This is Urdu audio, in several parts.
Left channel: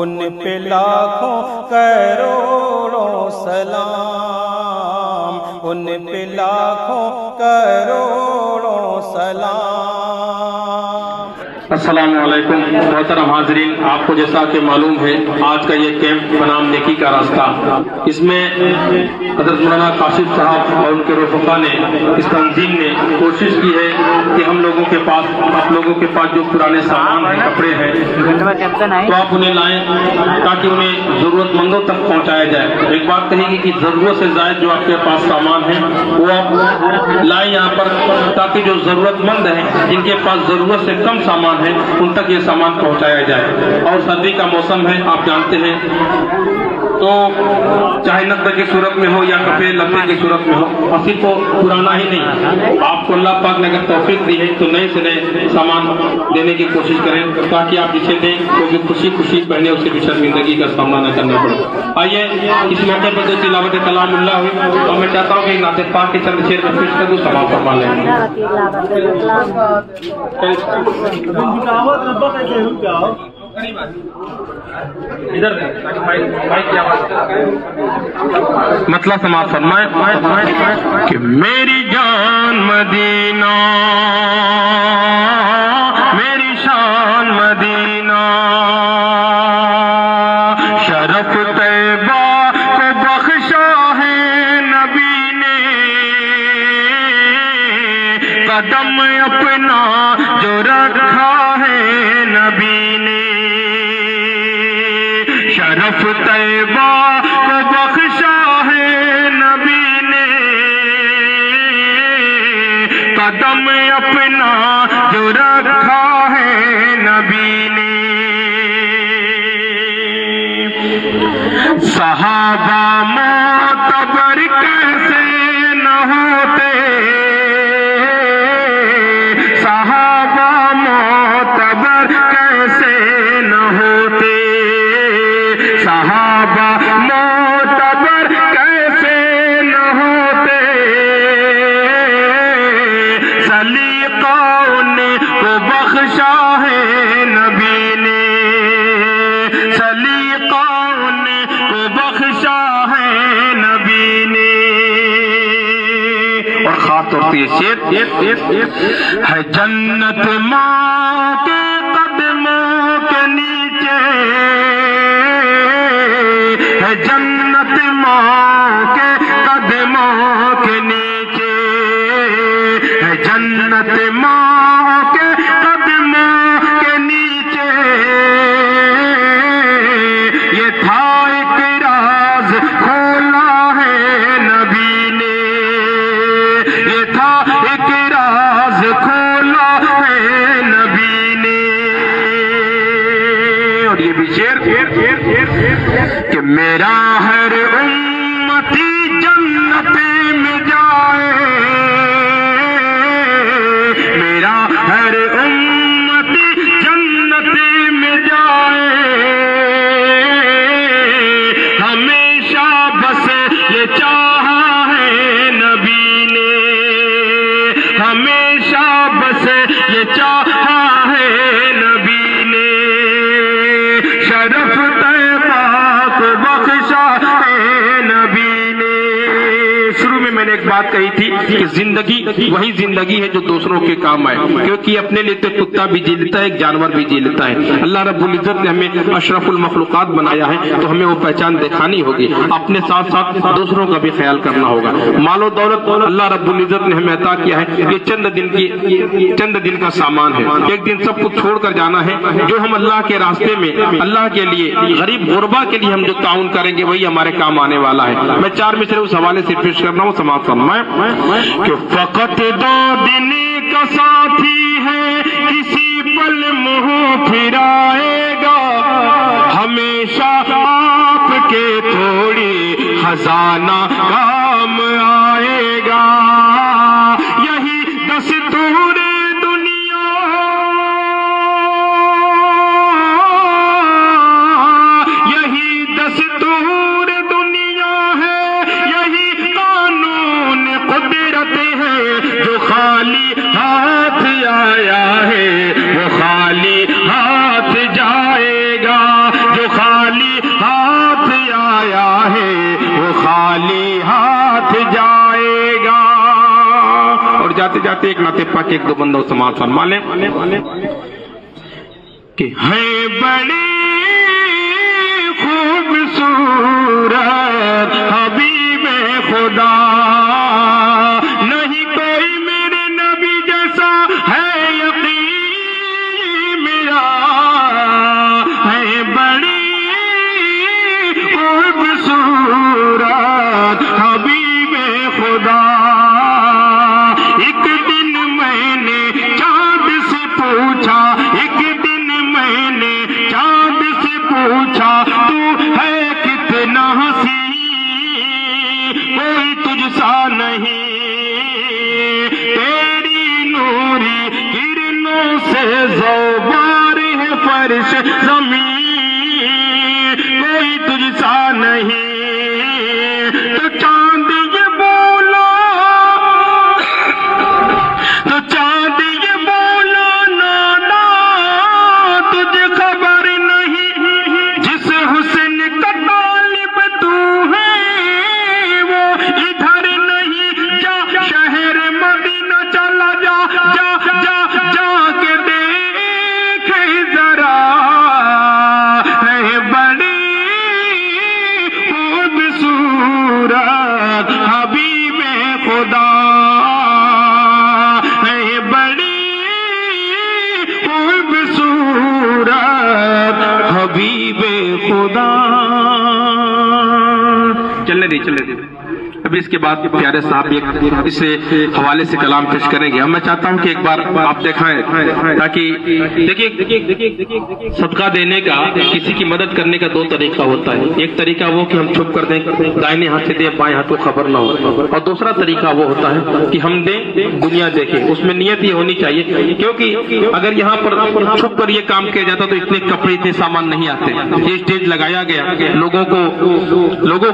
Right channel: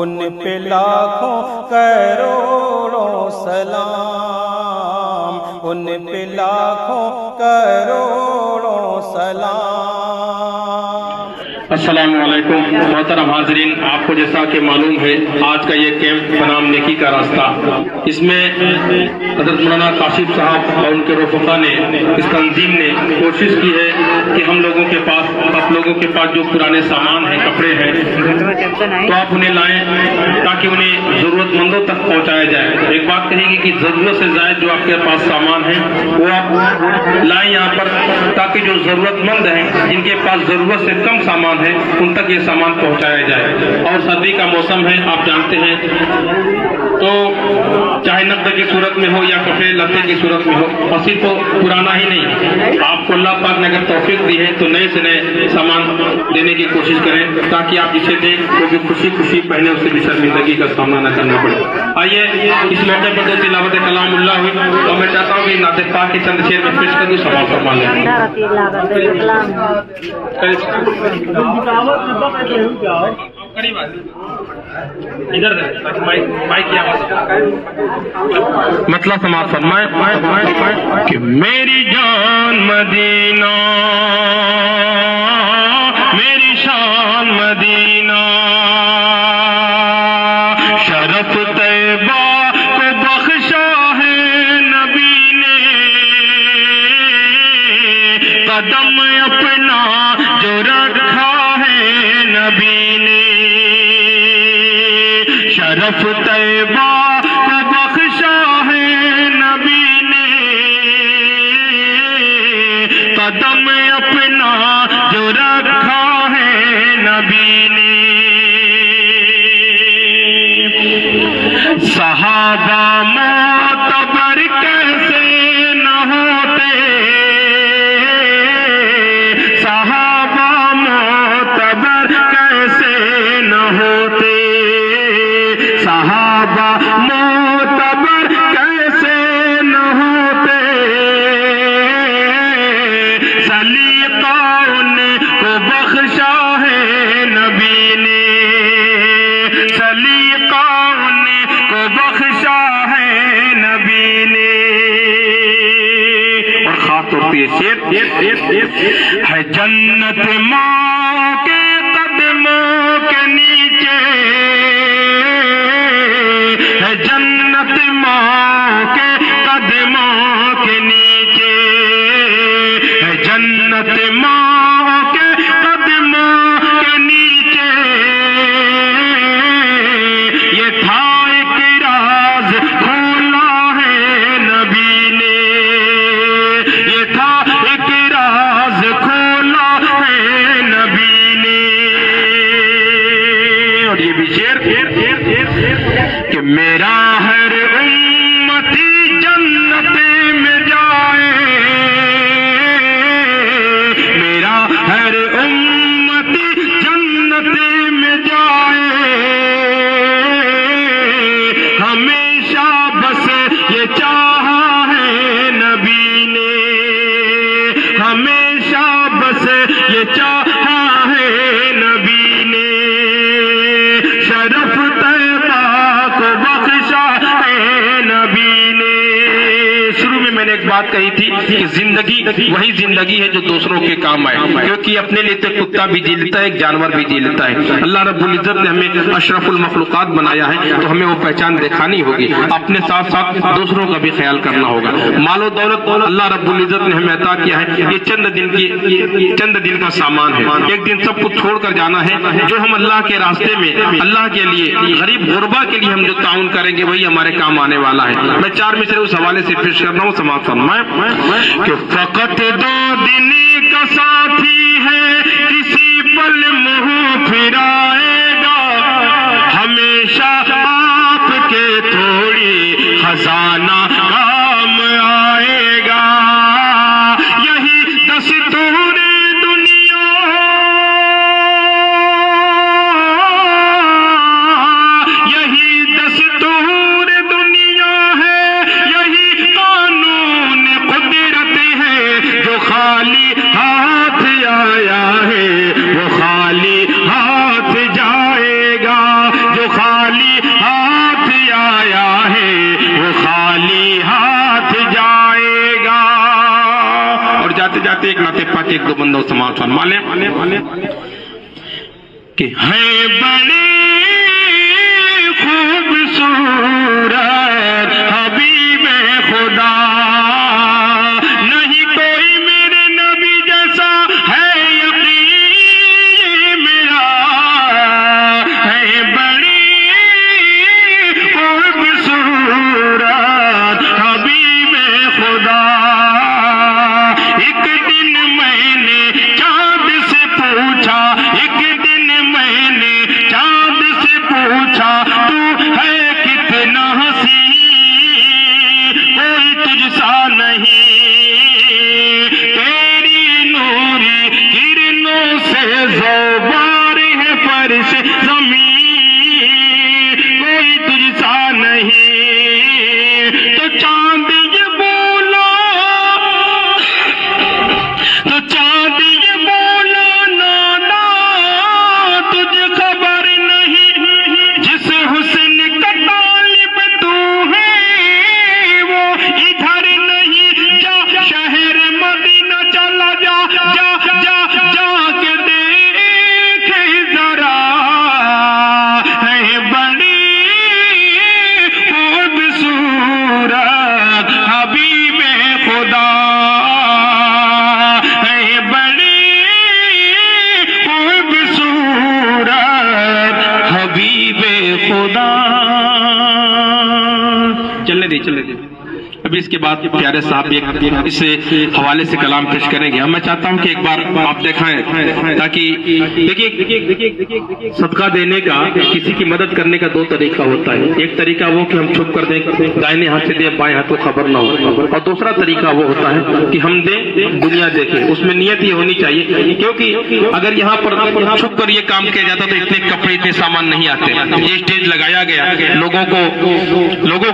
ان پہ لاکھوں کروڑوں سلام، ان پہ لاکھوں کروڑوں سلام۔ السلام علیکم محترم حاضرین، آپ کو جیسا کہ معلوم ہے آج کا یہ کیمپ بنام نیکی کا راستہ، اس میں حضرت مولانا کاشف صاحب اور ان کے رفقا نے، اس تنظیم نے کوشش کی ہے کہ ہم لوگوں کے پاس، آپ لوگوں کے پاس جو پرانے سامان ہیں، کپڑے ہیں، تو آپ انہیں لائیں تاکہ انہیں ضرورت مندوں تک پہنچایا جائے۔ ایک بات کہے گی کہ ضرورت سے زائد جو آپ کے پاس سامان ہے وہ آپ لائیں یہاں پر، تاکہ جو ضرورت مند ہیں، جن کے پاس ضرورت سے کم سامان ہے، ان تک یہ سامان پہنچایا جائے۔ اور سردی کا موسم ہے، آپ جانتے ہیں، تو چاہے نقد کی صورت میں ہو یا کپڑے لتے کی صورت میں ہو، اور صرف پرانا ہی نہیں، آپ کو اللہ پاک نے اگر توفیق دی ہے تو نئے سے نئے سامان دینے کی کوشش کریں، تاکہ آپ جسے دیں کیونکہ خوشی خوشی پہنے اسے بھی شرمندگی کا سامنا نہ کرنا پڑے۔ آئیے اس موقع پر تلاوت کلام اللہ ہوئی، اور میں چاہتا ہوں کہ نعت پاک کے چند شعر میں پیش کر دوں، سماعت فرما لیں۔ ادھر مائک کی آواز مطلب سماعت فرمائے کہ میری جان مدینہ، میری شان مدینہ، شرف طیبہ کو بخشا ہے نبی نے، قدم اپنا جو رکھا ہے نبی نے، شرف طیبہ کو بخشا ہے نبی نے، قدم اپنا جو رکھا ہے نبی نے، صحابہ معتبر کیسے نہ ہوتے، صحابہ معتبر کیسے نہ ہوتے، صحابہ معتبر کیسے نہ ہوتے، سلیقہ ان کو بخشا ہے نبی نے، سلیقہ ان کو بخشا ہے نبی نے۔ اور خاص طور سے یہ شعر ہے، جنت ماں کے قدموں کے نیچے، ہے جنت ماں کے قدموں کے نیچے، ہے جنت ماں کے قدموں کے نیچے، یہ تھا ایک راز کھولا ہے نبی نے، یہ تھا ایک راز کھولا ہے نبی نے۔ اور یہ بھی شعر کہ میرا ہر امتی جنت میں جائے، میرا ہر امتی جنت میں جائے، ہمیشہ بس یہ چاہا ہے نبی نے، ہمیشہ بس یہ چاہا ہے نبی نے، شرف طیبہ کو بخشا ہے نبی نے۔ شروع میں نے ایک بات کہی تھی کہ زندگی وہی زندگی ہے جو دوسروں کے کام آئے، کیونکہ اپنے لیے تو کتا بھی جی لیتا ہے، ایک جانور بھی جی لیتا ہے۔ اللہ رب العزت نے ہمیں اشرف المخلوقات بنایا ہے، تو ہمیں وہ پہچان دکھانی ہوگی، اپنے ساتھ ساتھ دوسروں کا بھی خیال کرنا ہوگا۔ مال و دولت اللہ رب العزت نے ہمیں عطا کیا ہے، یہ چند دن کا سامان ہے، ایک دن سب کچھ چھوڑ کر جانا ہے۔ جو ہم اللہ کے راستے میں، اللہ کے لیے، غریب غربا کے لیے ہم جو تعاون کریں گے وہی ہمارے کام آنے والا ہے۔ میں 4 مصرے اس حوالے سے پیش کر رہا ہوں، سماعت فرمائیں کہ فقط 2 دن کا ساتھی ہے، کسی پل منہ پھرائے گا، ہمیشہ آپ کے تھوڑی خزانہ کام آئے گا، یہی دستور دنیا، یہی دستور دنیا ہے، یہی قانون قدرت ہے، جو خالی خالی ہاتھ آیا ہے وہ خالی ہاتھ جائے گا. اور جاتے جاتے ایک نعت پاک ایک دو بندوں سماعت فرما لیں کہ ہے بڑی خوبصورت حبیب خدا نہیں کوئی میرے نبی جیسا ہے یقین میرا ہے بڑی خوبصورت حبیب خدا. ایک دن میں نے چاند سے پوچھا ایک دن میں نے چاند سے پوچھا تو ہے کتنا حسین کوئی تجھ سا نہیں تیری نوری کرنوں سے زوبار ہے فرش زمین کوئی تجھ سا نہیں. تو چاند یہ بولا تو چاند یہ بولا نانا تجھے خبر نہیں جس حسن کا طالب تو ہے وہ ادھر نہیں جا شہر مدینہ چلا جا جا جا جا کے دیکھ ذرا ہے بڑی خوبصورت حبیب خدا ہے بڑی خوبصورت حبیب خدا. چلنے دے ابھی اس کے بعد پیارے صاحب اس حوالے سے کلام پیش کریں گے. میں چاہتا ہوں کہ ایک بار آپ دکھائیں تاکہ دیکھیے صدقہ دینے کا کسی کی مدد کرنے کا دو طریقہ ہوتا ہے. ایک طریقہ وہ کہ ہم چھپ کر دیں دائیں ہاتھ سے دیں بائیں ہاتھ کو خبر نہ ہو اور دوسرا طریقہ وہ ہوتا ہے کہ ہم دیں دنیا دیکھے. اس میں نیت یہ ہونی چاہیے کیونکہ اگر یہاں پر چھپ کر یہ کام کیا جاتا تو اتنے کپڑے اتنے سامان نہیں آتے. یہ اسٹیج لگایا گیا لوگوں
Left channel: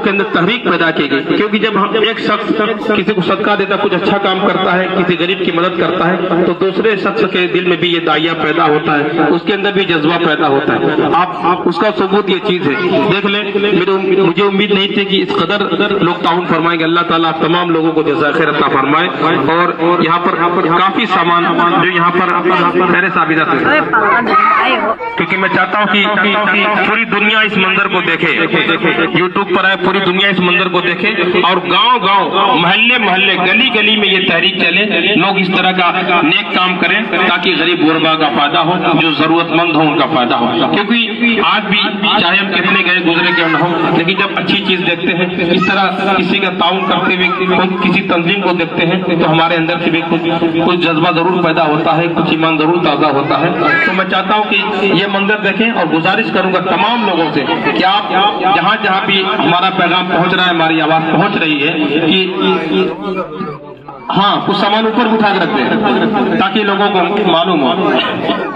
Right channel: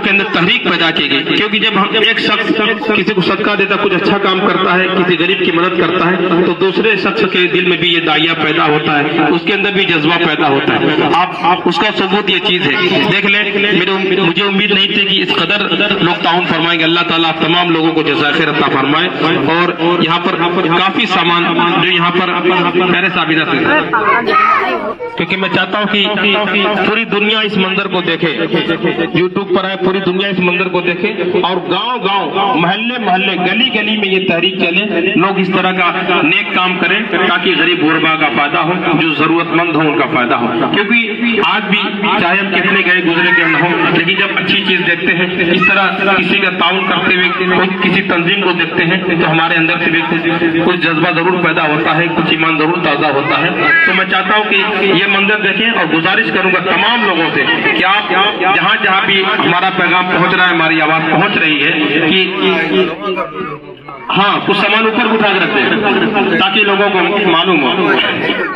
کے اندر تحریک پیدا کی گئی کیونکہ جب ایک شخص کسی کو صدقہ دیتا کچھ اچھا کام کرتا ہے کسی غریب کی مدد کرتا ہے تو دوسرے شخص کے دل میں بھی یہ داعیہ پیدا ہوتا ہے اس کے اندر بھی جذبہ پیدا ہوتا ہے. آپ اس کا ثبوت یہ چیز ہے. دیکھ لیں مجھے امید نہیں تھی کہ اس قدر لوگ تعاون فرمائیں گے. اللہ تعالیٰ تمام لوگوں کو جزائے خیر عطا فرمائے. اور یہاں پر کافی سامان جو یہاں پر پہلے ثابت ہے کیونکہ میں چاہتا ہوں کہ پوری دنیا اس منظر کو دیکھے. یوٹیوب پر ہے پوری دنیا اس منظر کو دیکھے اور گاؤں گاؤں محلے گلی گلی میں یہ تحریک چلے لوگ اس طرح کا نیک کام کریں تاکہ غریب غربا کا فائدہ ہو جو ضرورت مند ہو ان کا فائدہ ہو. کیونکہ آج بھی چاہے ہم کتنے گئے گزرے کے نہ ہوں لیکن جب اچھی چیز دیکھتے ہیں اس طرح کسی کا تعاون کرتے ہوئے کسی تنظیم کو دیکھتے ہیں تو ہمارے اندر سے بھی کچھ جذبہ ضرور پیدا ہوتا ہے کچھ ایمان ضرور تازہ ہوتا ہے. تو میں چاہتا ہوں کہ یہ منظر دیکھیں اور گزارش کروں گا تمام لوگوں سے کہ آپ جہاں جہاں بھی ہمارا پیغام پہنچ رہا ہے ہماری آواز پہنچ رہی ہے کہ ہاں کچھ سامان اوپر اٹھا کے رکھتے ہیں تاکہ لوگوں کو معلوم ہو.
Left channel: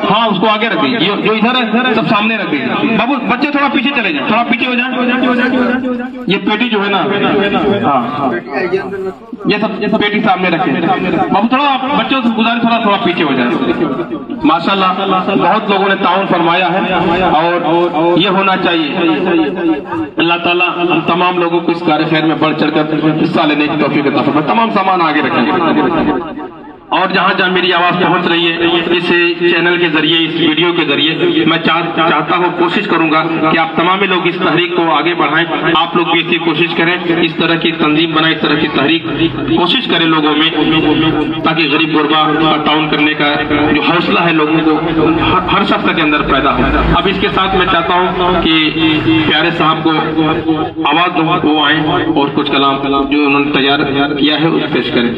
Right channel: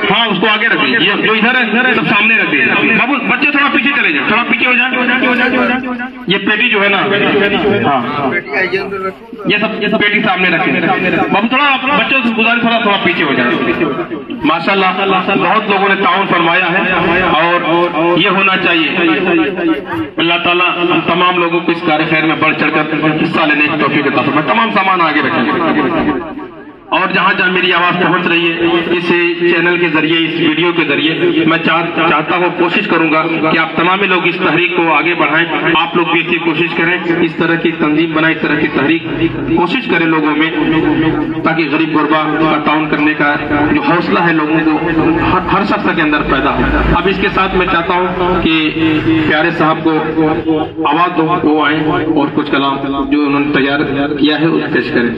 ہاں اس کو آگے رکھ دیجیے جو ادھر ہے سب سامنے رکھ دیجیے. بابو بچے تھوڑا پیچھے چلے جائیں تھوڑا پیچھے ہو جائیں. یہ پیٹی جو ہے نا ہاں یہ سب پیٹی سامنے رکھیں. بابو تھوڑا بچوں سے گزارش تھوڑا پیچھے ہو جائیں. ماشاءاللہ بہت لوگوں نے تعاون فرمایا ہے اور یہ ہونا چاہیے. اللہ تعالیٰ ہم تمام لوگوں کو اس کار خیر میں بڑھ چڑھ کر حصہ لینے کی توفیق عطا فرمائے. تمام سامان آگے رکھیں اور جہاں جہاں میری آواز پہنچ رہی ہے اس چینل کے ذریعے اس ویڈیو کے ذریعے میں چاہتا ہوں کوشش کروں گا کہ آپ تمام لوگ اس تحریک کو آگے بڑھائیں. آپ لوگ بھی اسی کوشش کریں اس طرح کی تنظیم بنائیں اس طرح کی تحریک کوشش کریں لوگوں میں تاکہ غریب غربا کا تعاون کرنے کا جو حوصلہ ہے لوگوں کو ہر شخص کے اندر پیدا ہو. اب اس کے ساتھ میں چاہتا ہوں کہ پیارے صاحب کو آواز دو وہ آئیں اور کچھ کلام جو انہوں نے تیار کیا ہے اس پیش کریں.